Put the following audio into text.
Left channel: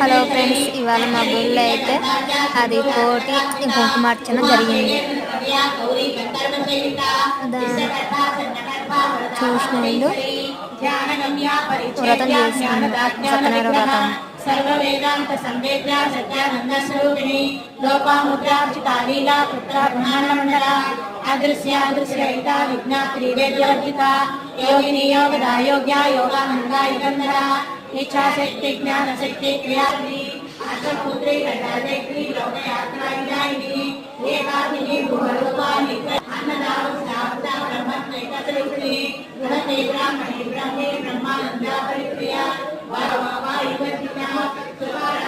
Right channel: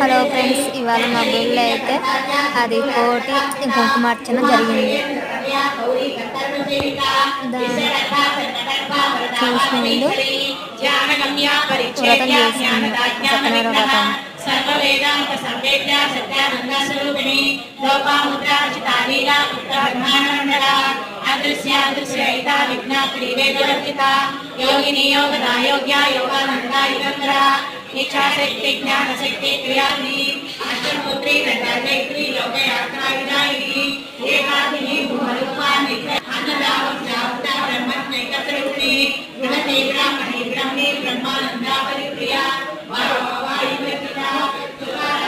Hello friends, ఇవాళ మా గుళ్ళో అయితే అది కోటి కుంకుమార్చన జరిగింది. దాన్ని చూసినోళ్ళు వ్రతం చేస్తున్నారు, సత్యనారాయణ వ్రతం. సర్వవేదాంత సంవేద్య సత్యానంద స్వరూపిణి లోపాముద్రార్చితాలీలా ఉత్తర బ్రహ్మాండ అదృశ్యాదృశ్యయిత విఘ్న త్రివేదవర్జిత యోగిని యోగదా యోగ్య యోగానంద యుగంధర इच्छाशक्ति ज्ञानशक्ति क्रियाग्नि अष्टपुत्री गायत्री लोकयात्रायुधायिनी एकाग्नि भूरूपाणि अन्नदावत्यावता ब्रह्मज्ञैकसृष्टि बृहति ब्राह्मणि ब्रह्मे ब्रह्मानन्दा परिप्रिया वायुवृत्तिना सुकार